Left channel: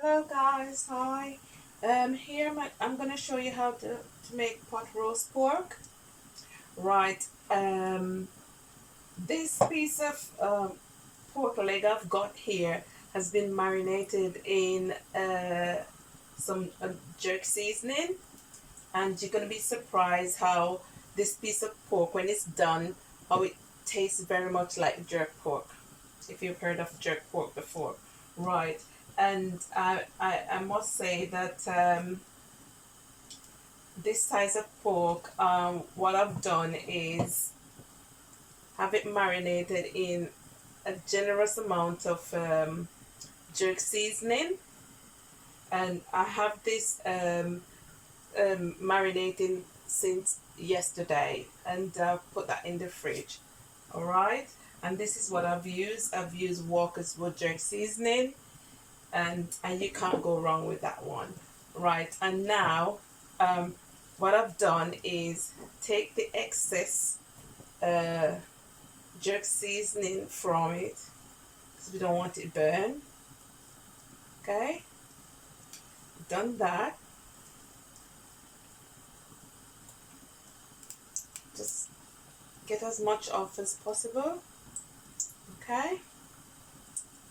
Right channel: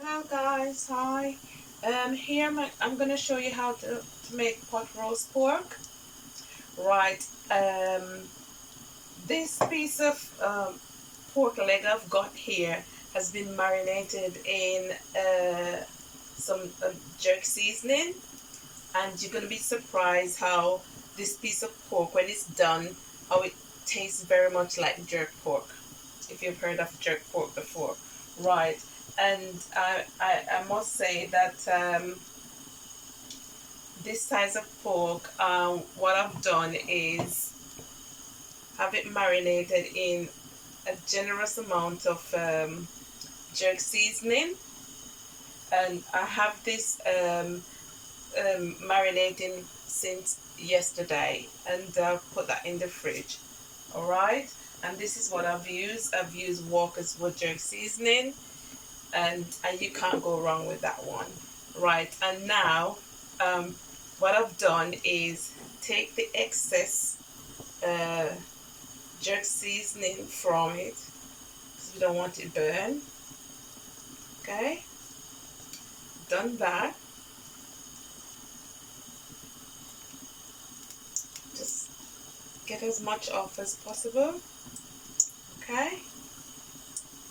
Hello guys, hi. Here I'm gonna show you how to make pot roast pork. Right. This piece of pork leg I've got here has been marinated in some jerk seasoning, and you're gonna be surprised how this piece of pork, when it's done, how it tastes very much like jerk pork. If you've heard of jerk pork before, right? And I must say that this size of pork, what I've done is have it marinated in a generous amount of jerk seasoning, and I have this marinating since yesterday, and put that in the fridge. All right, and this is what I've used Walker's Wood jerk seasoning, and you can't go wrong with that one. Right, and now um, what I've done is take the excess uh, jerk seasoning from it because we don't want it burn. Okay, done that. Just get as much off as possible. Okay,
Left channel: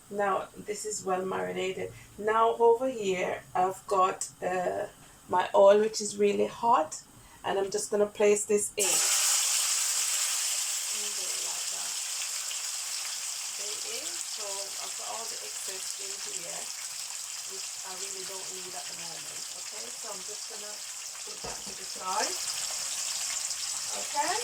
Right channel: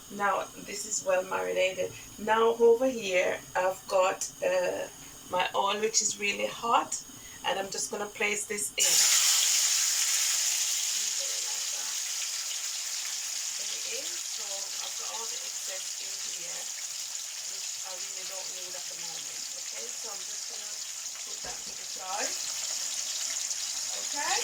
now this is well marinated. Now over here I've got my oil, which is really hot, and I'm just gonna place this in. So I've got all the excess in here, which I really don't need at the moment. Okay, so I'm just gonna put that to the side. Okay.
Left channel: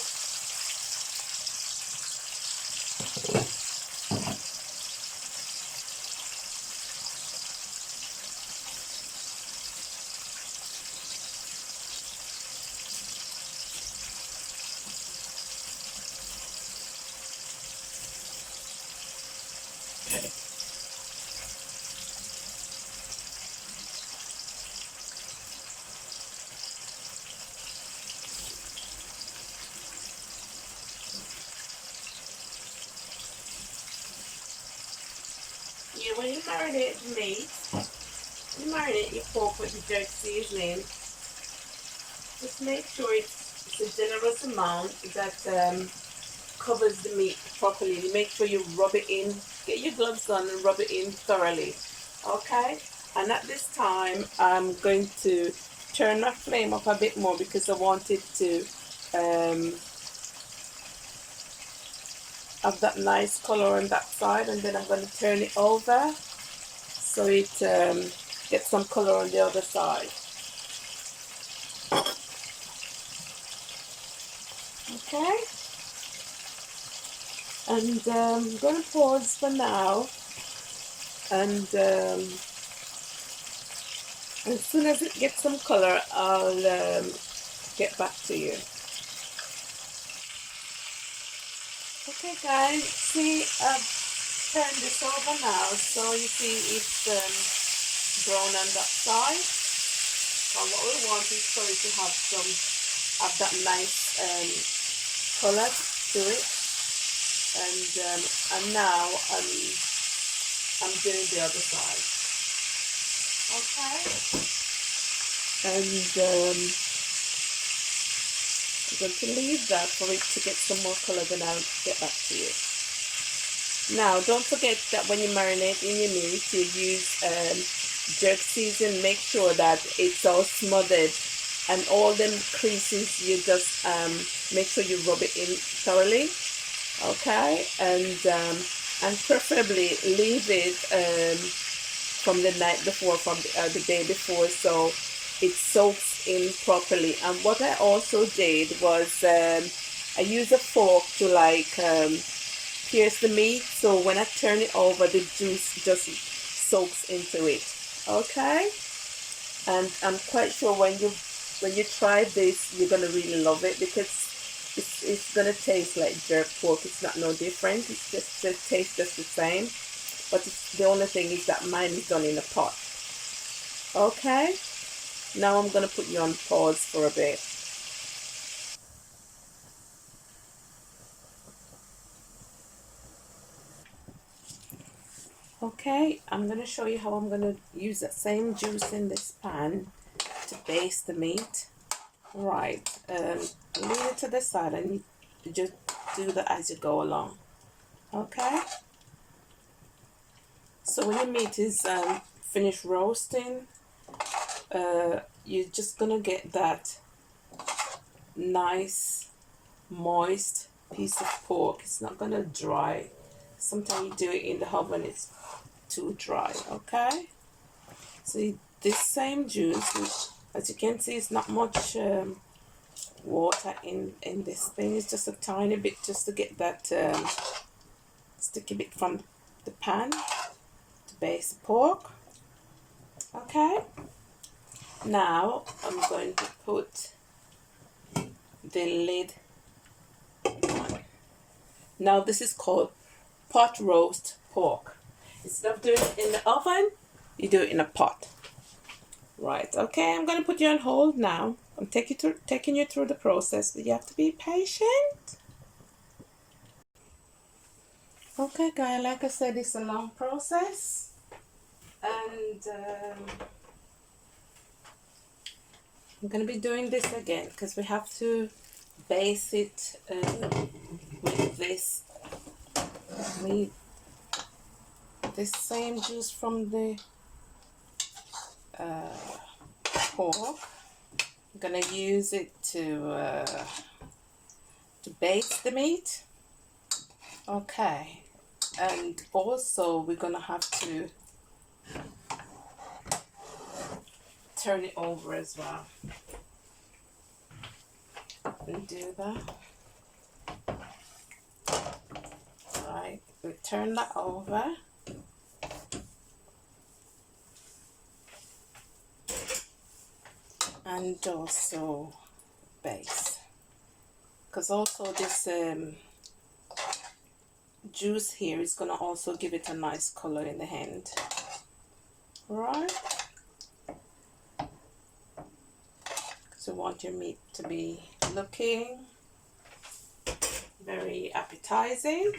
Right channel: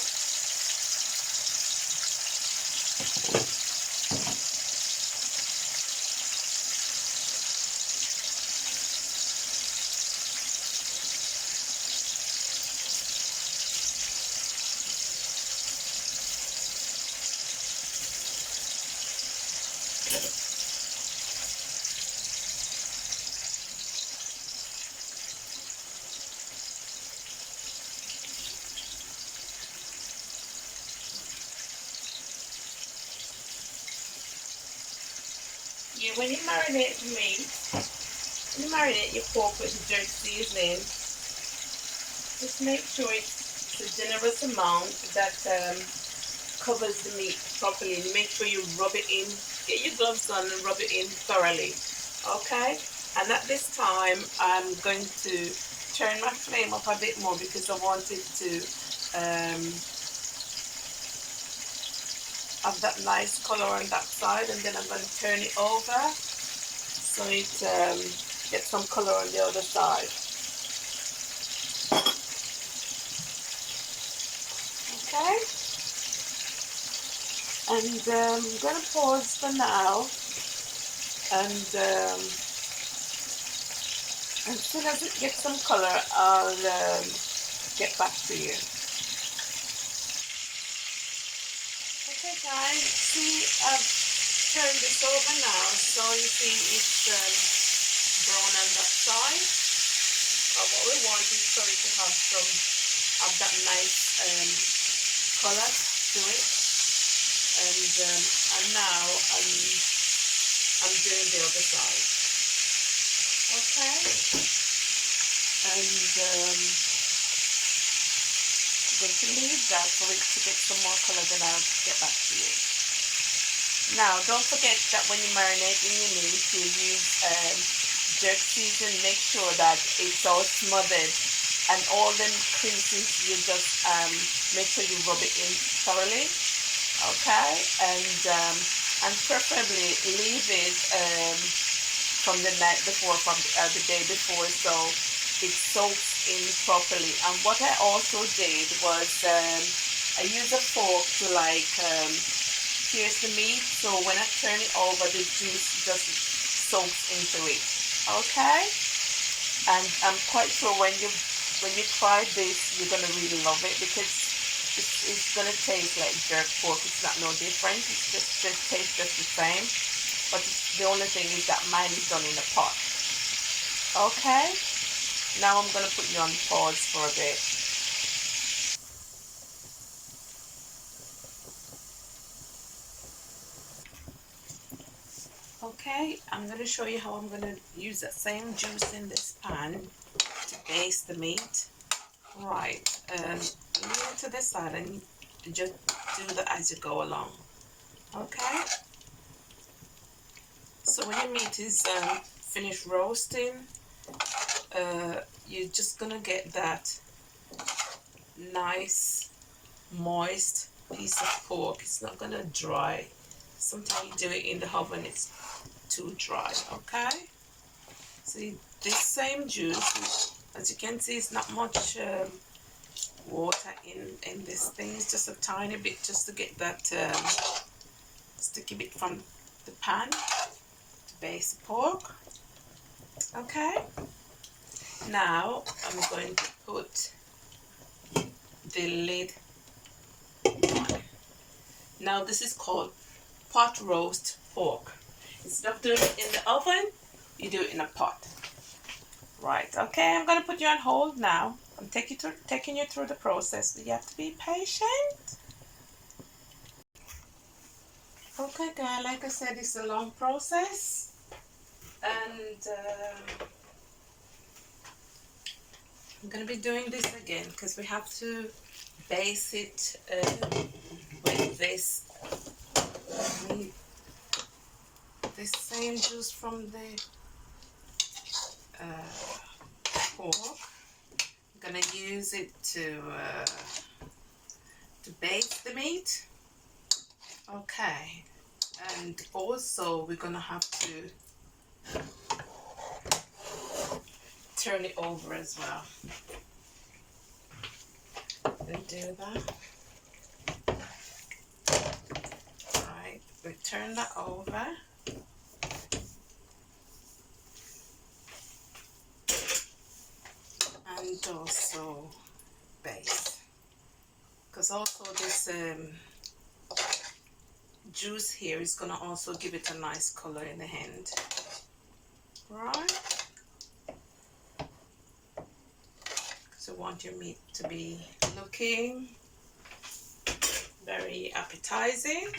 Yeah, when you marinate the meat, when you marinate your pork with the jerk seasoning, just make sure it's a generous amount that covers the meat properly. Make sure you rub it in. Get your gloves on and rub it in thoroughly. Okay? And at this time, I'm going to turn my flame up a bit more because I want it to have that nice color on that side. And then I'm going to turn it over so it gets some color on the other side. Okay? And I'm going to pause for now, and as soon as it gets some color, I'll get back to you. Okay guys, see, I've turned this over now, so you see it's brown on that side. But what we want is for it to have that nice color to it. And now I'm doing the other side. Okay, and I'm going to leave that for it to get some more color, then I'll get back to you. Now, don't forget that when you marinate in your meat, you use jerk season. Make sure that it's all smothered, and all them creases, you just make sure you rub it in thoroughly. Okay, and preferably leave it from the night before, from the day before, so it soaks in properly. And what I also did was I used a fork to like pierce the meat, so when I turn it over, the juice just soaks into it. Okay, and I'm quite sure when you try this, you're gonna really love it because it's gonna taste like jerk pork. It's not no different. It's just it tastes just the same, but the only thing is that mine is done in a pot. Okay, now I'm gonna put you on pause for a bit. Okay, I'm going to show you how I'm going to use that same juice in this pan to baste the meat. Right, leave it to the side and you just do that as you go along. Okay, so when your meat is finished roasting, you're just gonna get that nice moist piece of pork. It's not gonna dry. Sometimes you do it in the oven, it's too dry. Okay, so this same juice, as you can see, it's not much water in this thing. It's just a tiny bit, just to get that sticky bit from the pan to baste the pork. Okay, now I'm going to put the lid on. Now this is called pot roast pork. Instead of doing it in the oven, you do it in a pot. Right, okay, I'm gonna put you on hold now. I'm taking you through the process, but you have to be patient. Okay guys, like I said, it's a long process, and I'm gonna be doing this again because we have to base it with this same juice from the pork. I'm gonna use it to baste the meat. Okay, and also we're gonna have to turn it over as well and do that. Right, we turn that over. And also base, because also this juice here is gonna also give it a nice color in the end. Right, because you want your meat to be looking very appetizing.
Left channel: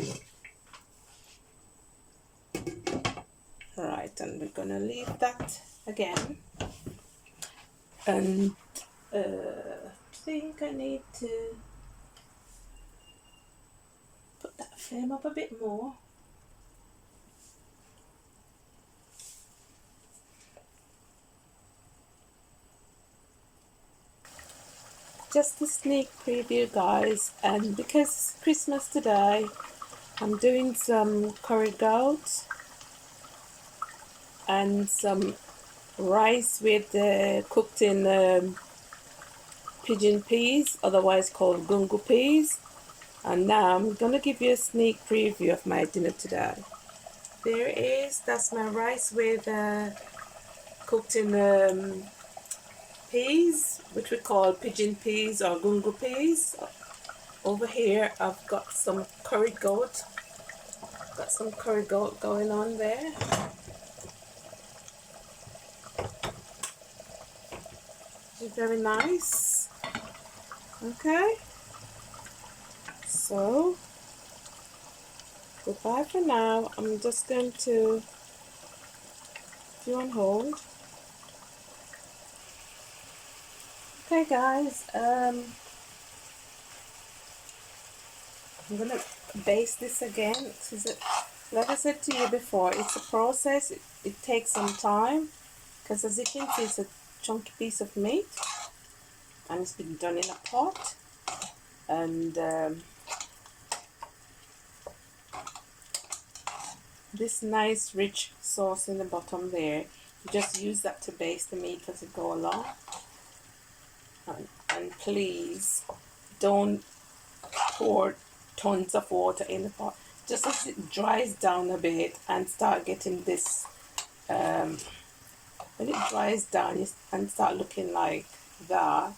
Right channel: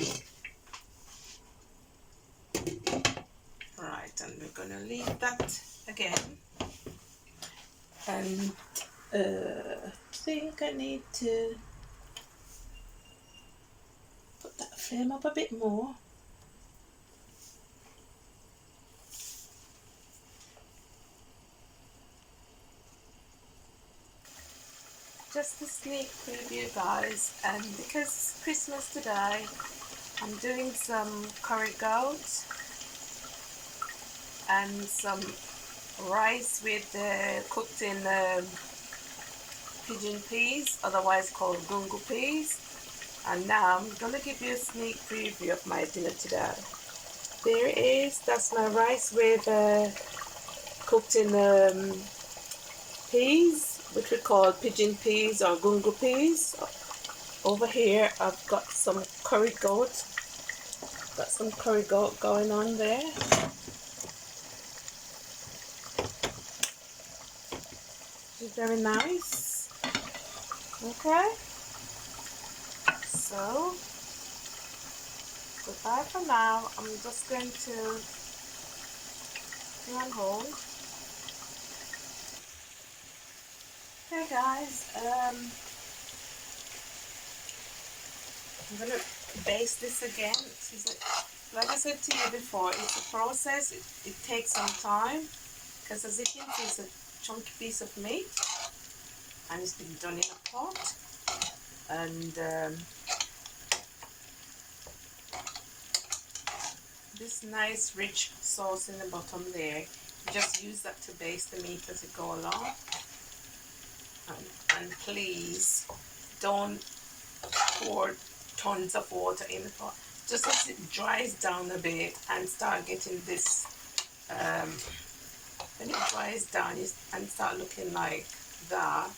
Right, and we're gonna leave that again, and I think I need to put that flame up a bit more. Just a sneak preview guys, and because it's Christmas today, I'm doing some curry goat and some rice with cooked in pigeon peas, otherwise called gungo peas. And now I'm gonna give you a sneak preview of my dinner today. There it is. That's my rice with cooked in peas, which we call pigeon peas or gungo peas. Over here I've got some curry goat. Got some curry goat going on there. It's very nice. Okay. So goodbye for now. I'm just going to put you on hold. Okay guys, I'm gonna baste this again. Like I said to you before, it's a process. It takes some time, because as you can see, it's a chunky piece of meat and it's been done in a pot. And this nice rich sauce in the bottom there, you just use that to baste the meat as you go along. And please don't pour tons of water in the pot. Just as it dries down a bit and start getting this, when it dries down and start looking like that,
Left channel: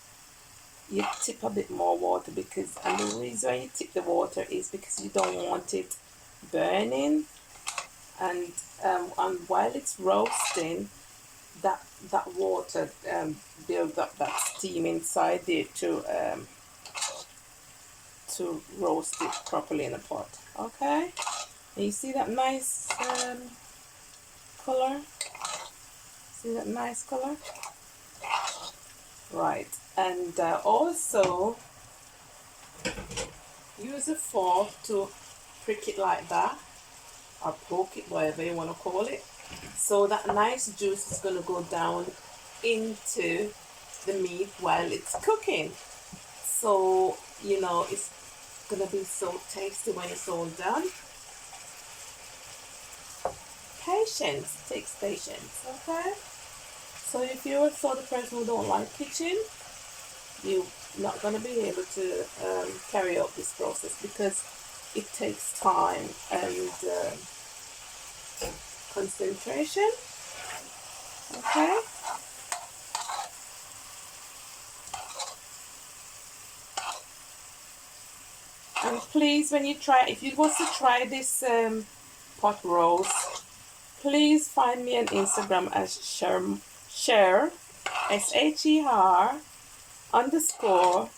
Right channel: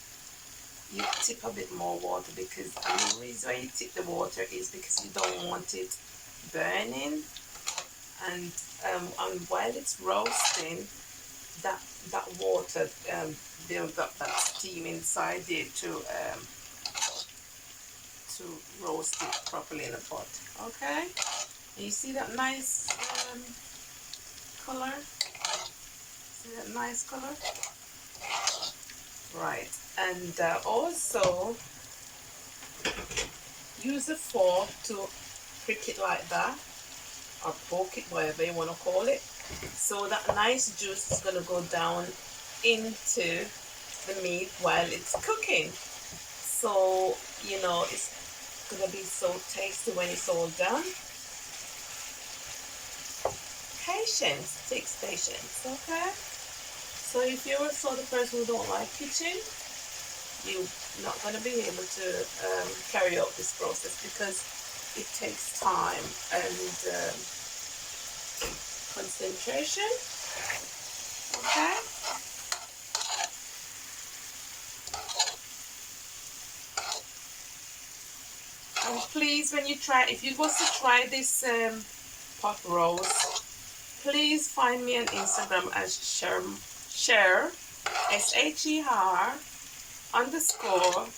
you tip a bit more water, because the reason why you tip the water is because you don't want it burning. And while it's roasting, that water builds up that steam inside it to roast it properly in a pot. Okay, and you see that nice color? See that nice color? Right, and also use a fork to prick it like that, or poke it, whatever you want to call it. So that nice juice is going to go down into the meat while it's cooking. So, you know, it's going to be so tasty when it's all done. Patience, takes patience, okay? So if you're sort of person who don't like kitchen, you're not going to be able to carry out this process because it takes time and concentration, okay? And please, when you try, if you want to try this pot roast, please find me on Instagram as Sher, SHER _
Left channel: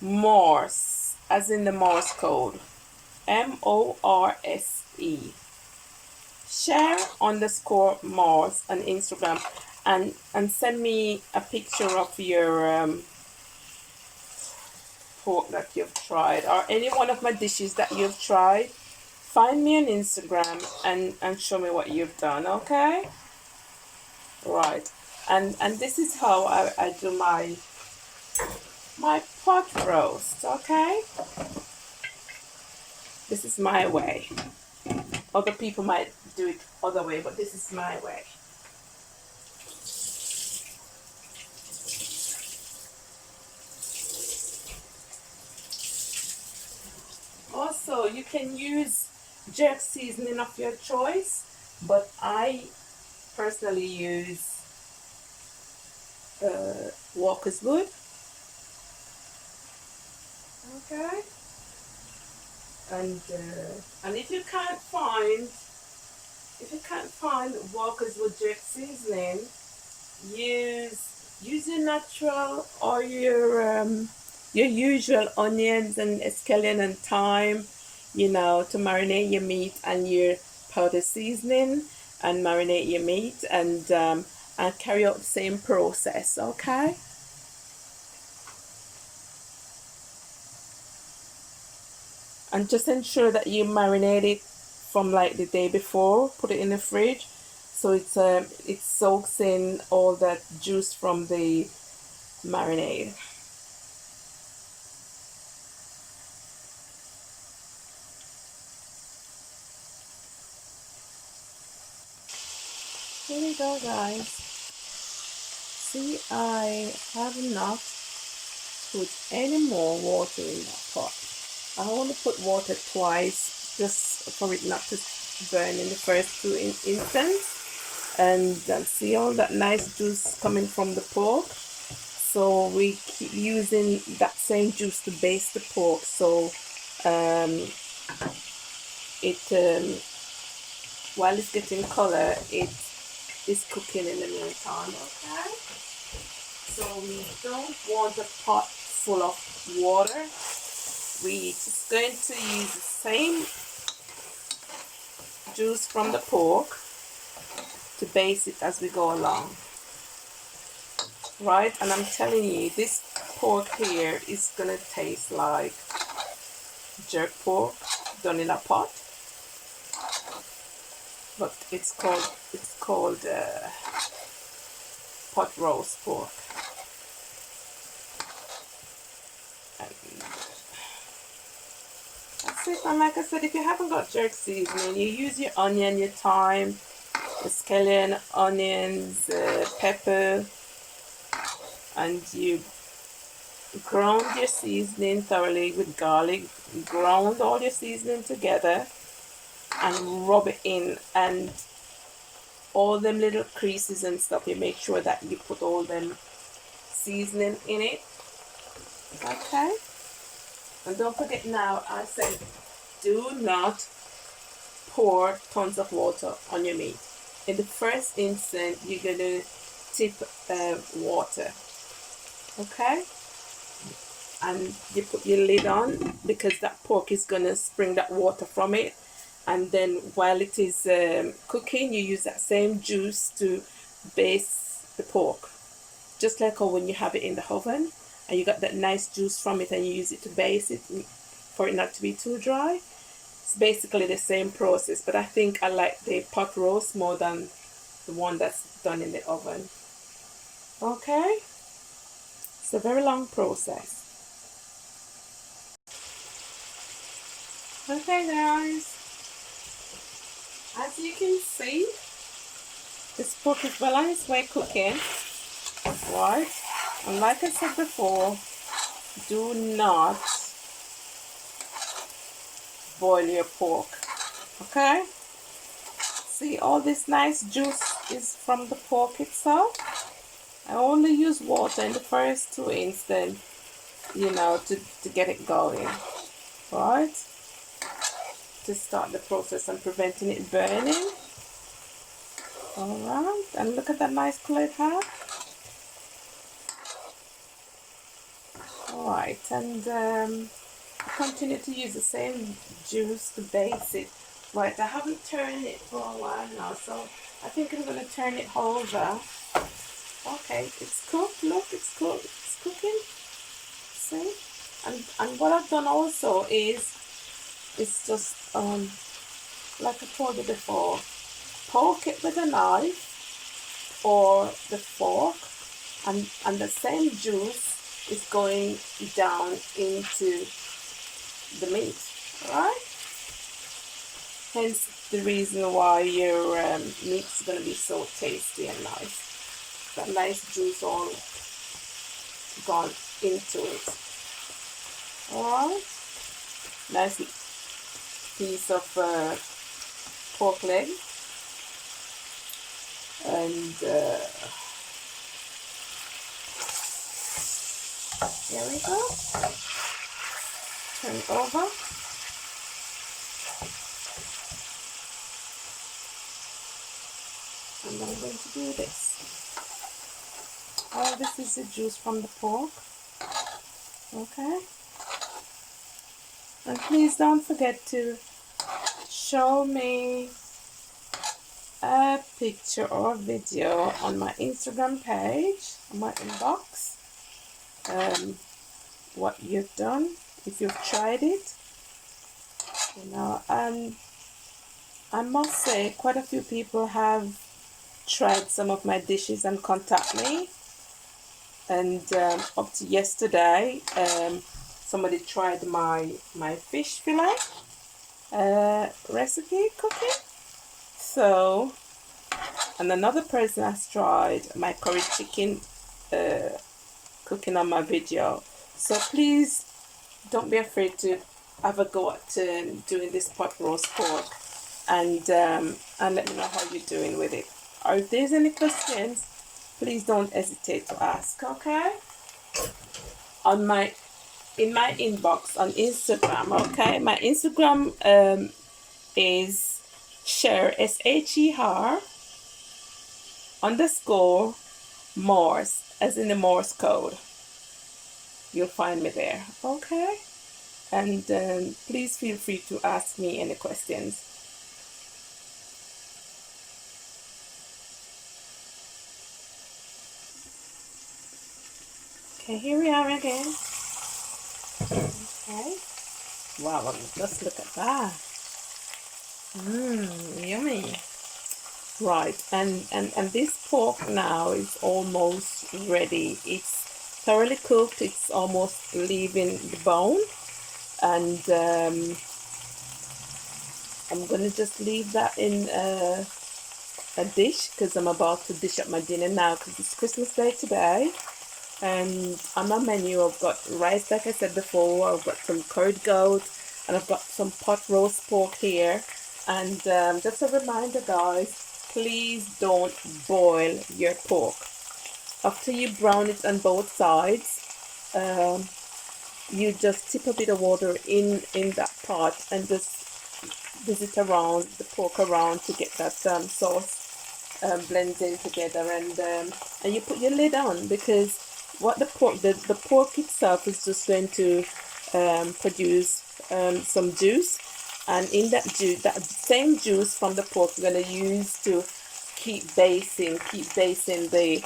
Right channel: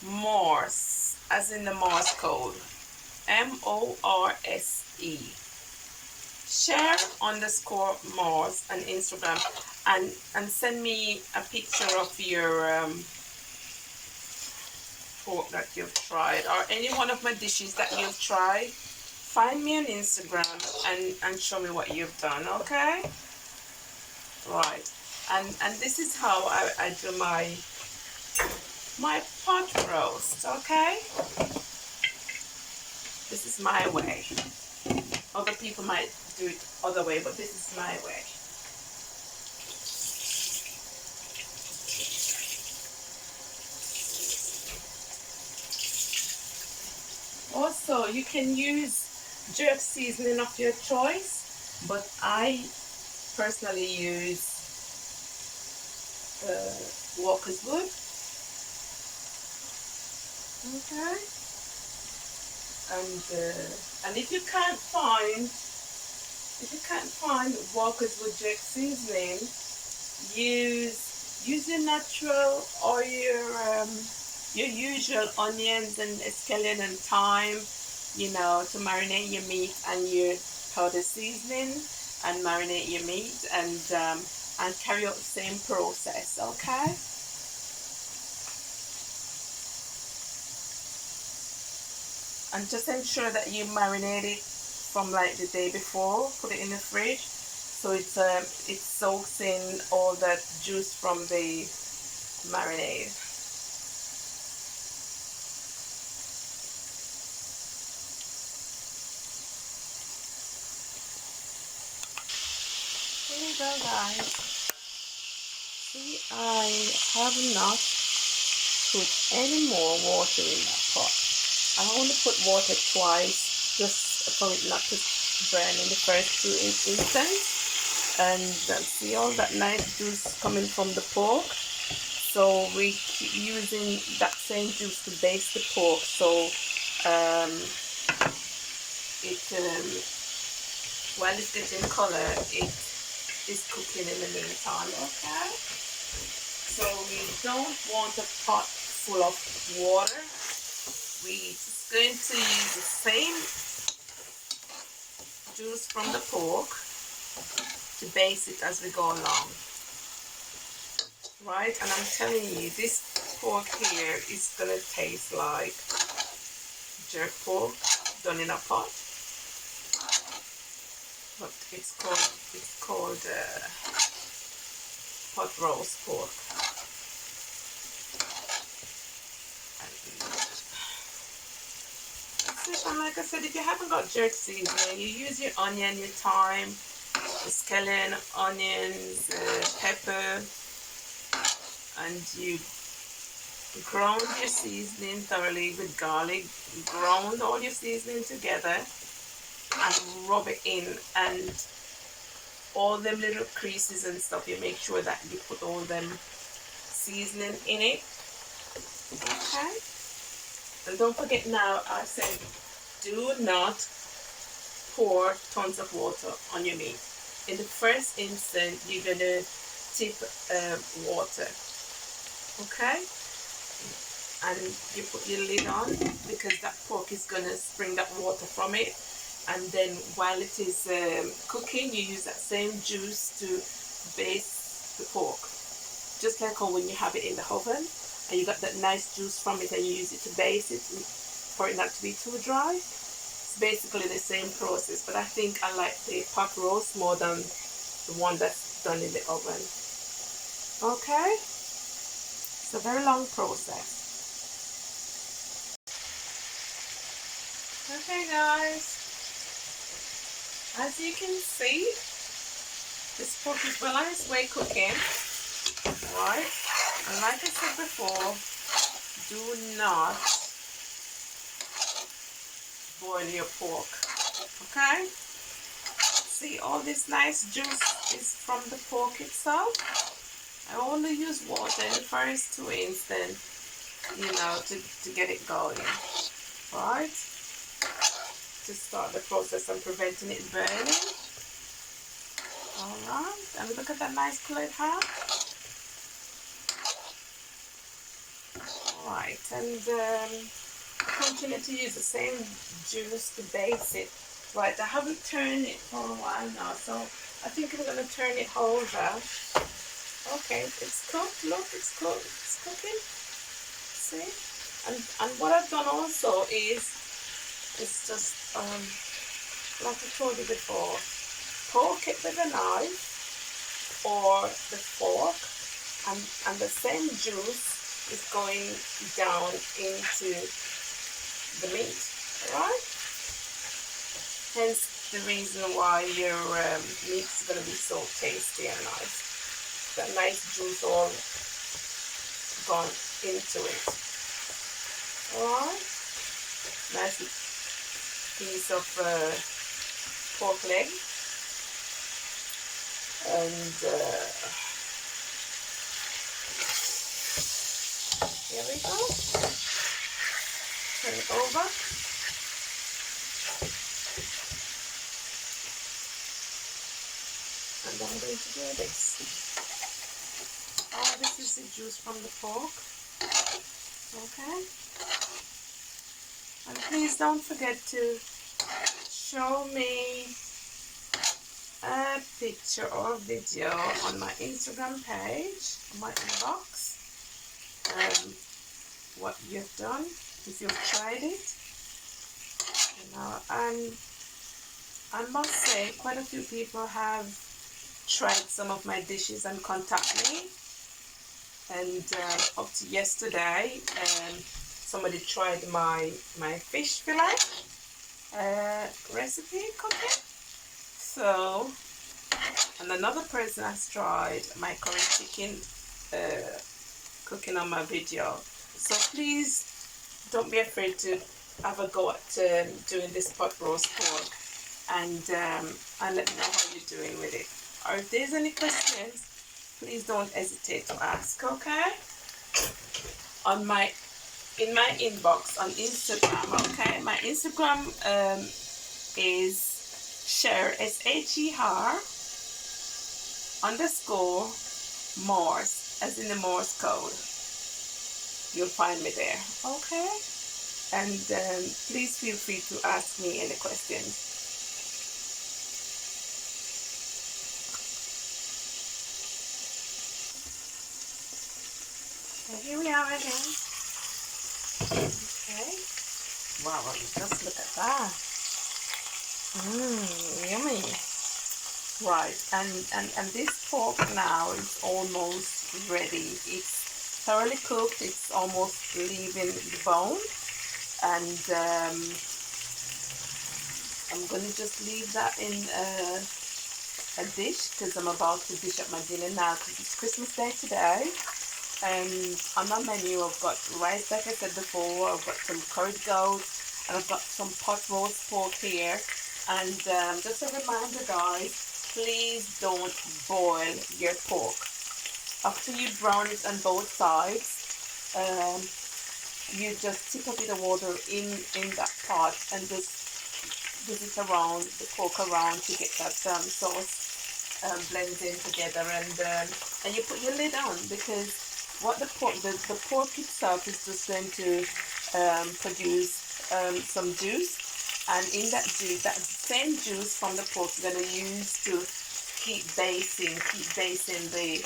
Morse, as in the Morse code, MORSE. Share _ Morse on Instagram, and send me a picture of your pork that you've tried, or any one of my dishes that you've tried. Find me on Instagram and show me what you've done, okay? Right, and this is how I do my pot roast, okay? This is my way. Other people might do it other way, but this is my way. Also, you can use jerk seasoning of your choice, but I personally use Walker's Wood. Okay. And if you can't find Walker's Wood jerk seasoning, use your natural or your usual onions and scallion and thyme, you know, to marinate your meat, and your powder seasoning and marinate your meat, and carry out the same process, okay? And just ensure that you marinate it from like the day before. Put it in the fridge so it soaks in all that juice from the marinade. Here we go, guys. See, I have not put any more water in that pot. I only put water twice, just for it not to burn in the first 2 instants. And see all that nice juice coming from the pork. So we keep using that same juice to baste the pork, so while it's getting color, it is cooking in the meantime, okay? So we don't want a pot full of water. We're just going to use the same juice from the pork to baste it as we go along. Right, and I'm telling you, this pork here is gonna taste like jerk pork done in a pot, but it's called pot roast pork. That's it. And like I said, if you haven't got jerk seasoning, you use your onion, your thyme, scallion, onions, pepper, and you ground your seasoning thoroughly with garlic. Ground all your seasoning together and rub it in, and all them little creases and stuff, you make sure that you put all them seasoning in it, okay? And don't forget, now I said do not pour tons of water on your meat. In the first instant, you're gonna tip water, okay? And you put your lid on, because that pork is gonna spring that water from it. and then while it is cooking, you use that same juice to baste the pork. Just like how when you have it in the oven and you got that nice juice from it and you use it to baste it for it not to be too dry. It's basically the same process, but I think I like the pot roast more than the one that's done in the oven. Okay, it's a very long process. Okay guys, as you can see, this pork is well on its way cooking, right? And like I said before, do not boil your pork, okay? See, all this nice juice is from the pork itself. I only use water in the first two instants, you know, to get it going, right? To start the process and preventing it burning. Alright, and look at that nice color it has. Alright, and I continue to use the same juice to base it. Right, I haven't turned it for a while now, so I think I'm going to turn it over. Okay, it's cooked, look, it's cooked, it's cooking. See? And what I've done also is, it's just, like I told you before, poke it with a knife or the fork, and the same juice is going down into the meat, right? Hence the reason why your meat is going to be so tasty and nice. That nice juice all gone into it. Alright, nice piece of pork leg, and there we go. Turn it over. And I'm going to do this. All this is the juice from the pork. Okay. And please don't forget to show me a picture or a video on my Instagram page, on my inbox, what you've done, if you've tried it, you know. And I must say quite a few people have tried some of my dishes and contact me, and up to yesterday somebody tried my fish fillet recipe cooking. So, and another person has tried my curry chicken cooking on my video. So please don't be afraid to have a go at doing this pot roast pork, and let me know how you're doing with it. Or if there's any questions, please don't hesitate to ask, okay? In my inbox on Instagram, okay? My Instagram is Sher, SHER _ Morse, as in the Morse code. You'll find me there, okay? And please feel free to ask me any questions. Okay, here we are again. Okay. Wow, just look at that. Yummy. Right, and this pork now is almost ready. It's thoroughly cooked. It's almost leaving the bone, and I'm gonna just leave that in a dish, because I'm about to dish up my dinner now, because it's Christmas Day today. And on my menu I've got rice, like I said before, I've got some curried goat, and I've got some pot roast pork here. And just a reminder guys, please don't boil your pork. After you brown it on both sides, you just tip a bit of water in that pot and just visit around the pork around to get that sauce blended together, and you put your lid on, because what the pork itself is just going to produce some juice, And in that juice, that same juice from the pork, we're gonna use to keep basting the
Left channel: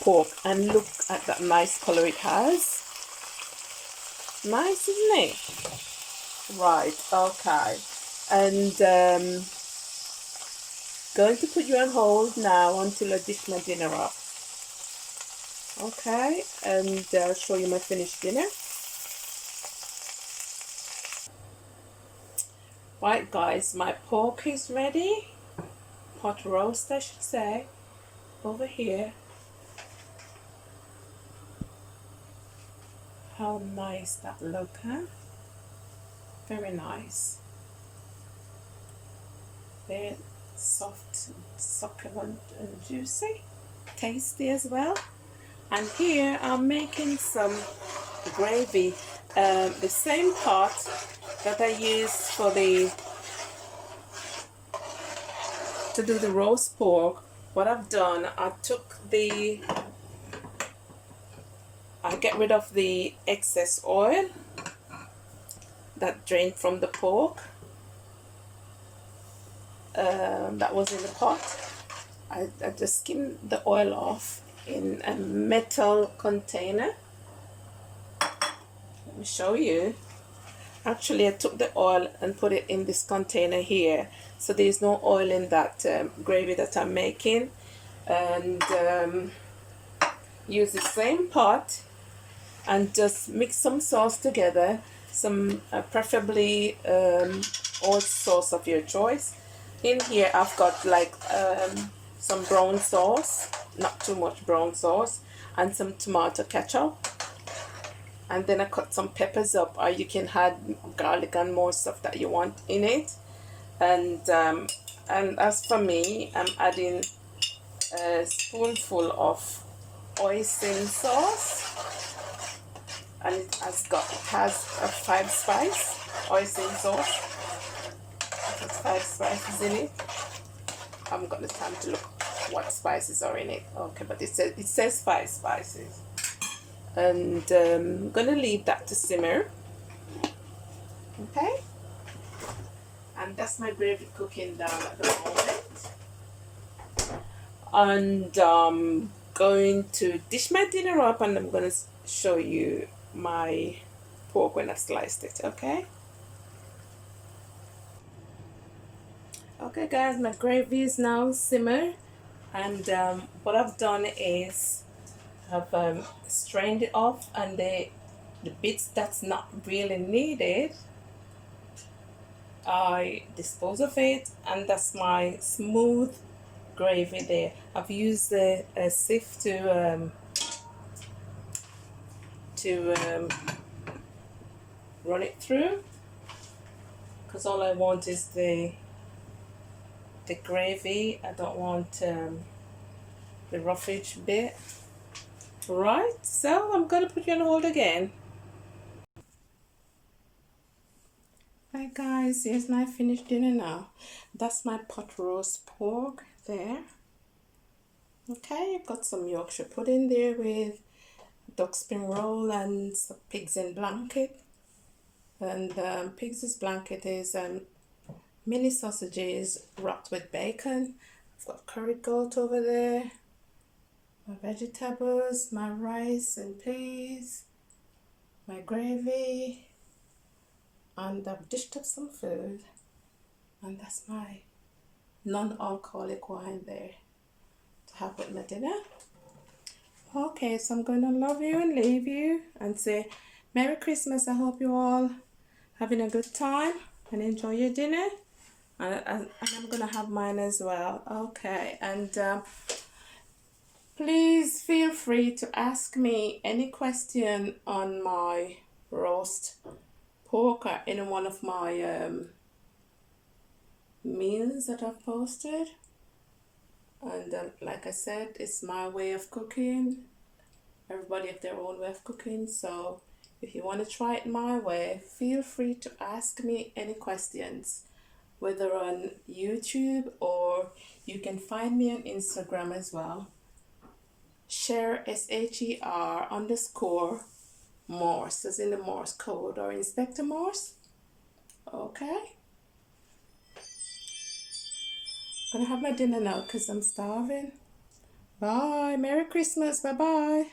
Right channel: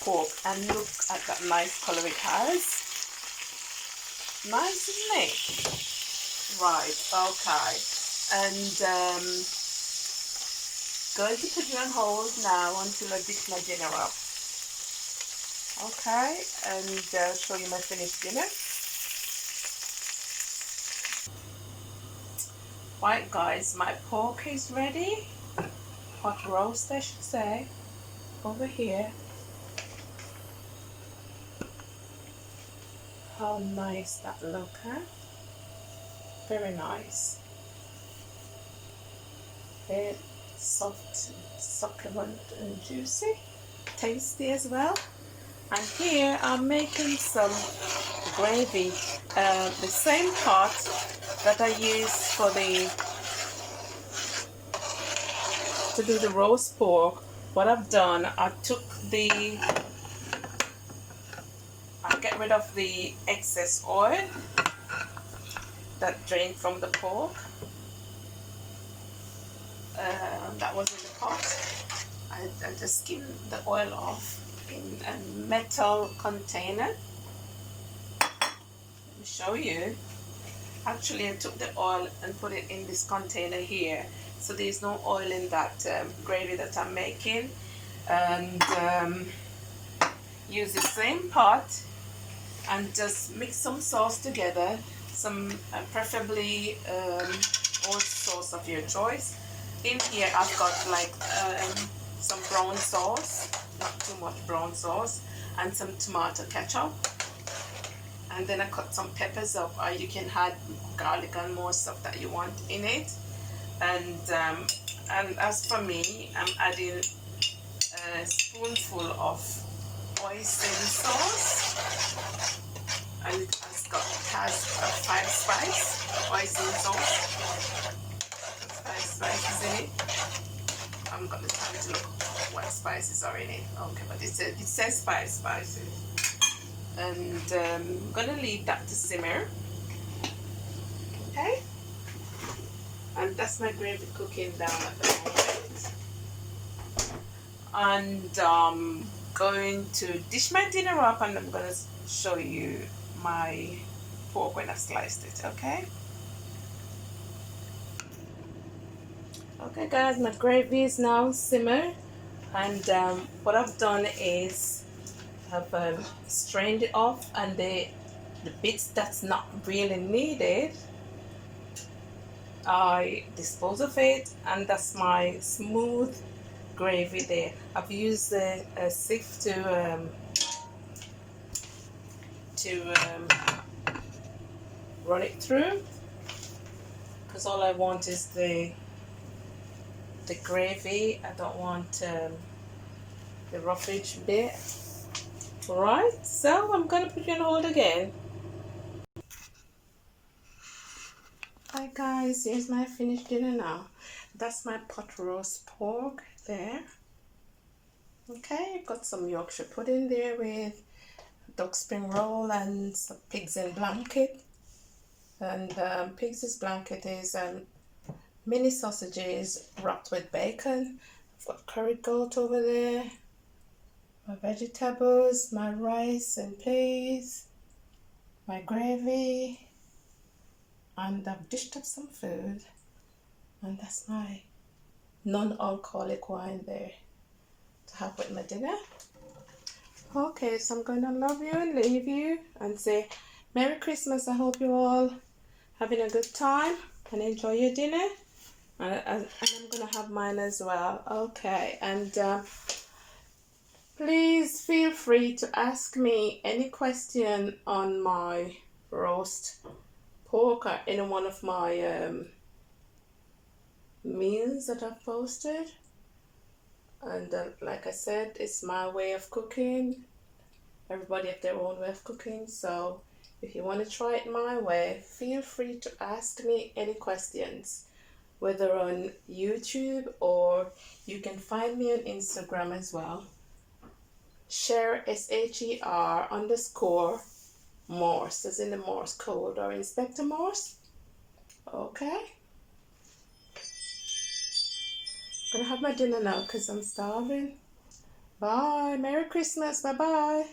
pork. And look at that nice color it has. Nice, isn't it? Right, okay. And going to put you on hold now until I dish my dinner up. Okay, and show you my finished dinner. Right guys, my pork is ready. Pot roast I should say. Over here. How nice that look, huh? Very nice. Very soft, succulent and juicy. Tasty as well. And here I'm making some gravy. The same pot that I use for to do the roast pork. What I've done, I'll get rid of the excess oil that drained from the pork. That was in the pot. I just skimmed the oil off in a metal container. Let me show you. Actually, I took the oil and put it in this container here, so there's no oil in that gravy that I'm making. And use the same pot and just mix some sauce together, some preferably oil sauce of your choice. In here I've got like some brown sauce, not too much brown sauce, and some tomato ketchup. And then I cut some peppers up, or you can add garlic and more stuff that you want in it. And as for me, I'm adding a spoonful of hoisin sauce, and it has a 5 spice hoisin sauce. It's 5 spices in it. I haven't got the time to look what spices are in it. Okay, but it says 5 spices. And I'm gonna leave that to simmer. Okay, and that's my gravy cooking down at the moment. And going to dish my dinner up, and I'm gonna show you my pork when I've sliced it. Okay. Okay guys, my gravy is now simmered, and what I've done is I've strained it off, and the bits that's not really needed I dispose of it, and that's my smooth gravy there. I've used a sieve to run it through, because all I want is the gravy. I don't want the roughage bit. Right, so I'm gonna put you on hold again. Hi guys, here's my finished dinner now. That's my pot roast pork there. Okay, I've got some Yorkshire pudding there with duck spring roll and some pigs in blanket. And pigs in blanket is mini sausages wrapped with bacon. I've got curried goat over there, my vegetables, my rice and peas, my gravy, and I've dished up some food, and that's my non-alcoholic wine there to have with my dinner. Okay, so I'm going to love you and leave you and say Merry Christmas. I hope you all having a good time and enjoy your dinner, and I'm going to have mine as well. Okay, and please feel free to ask me any question on my roast pork or any one of my meals that I've posted. And like I said, it's my way of cooking. Everybody have their own way of cooking, so if you want to try it my way, feel free to ask me any questions, whether on YouTube, or you can find me on Instagram as well. Sher, SHER_ Morse, as in the Morse code, or Inspector Morse. Okay, Gonna have my dinner now because I'm starving. Bye. Merry Christmas. Bye bye.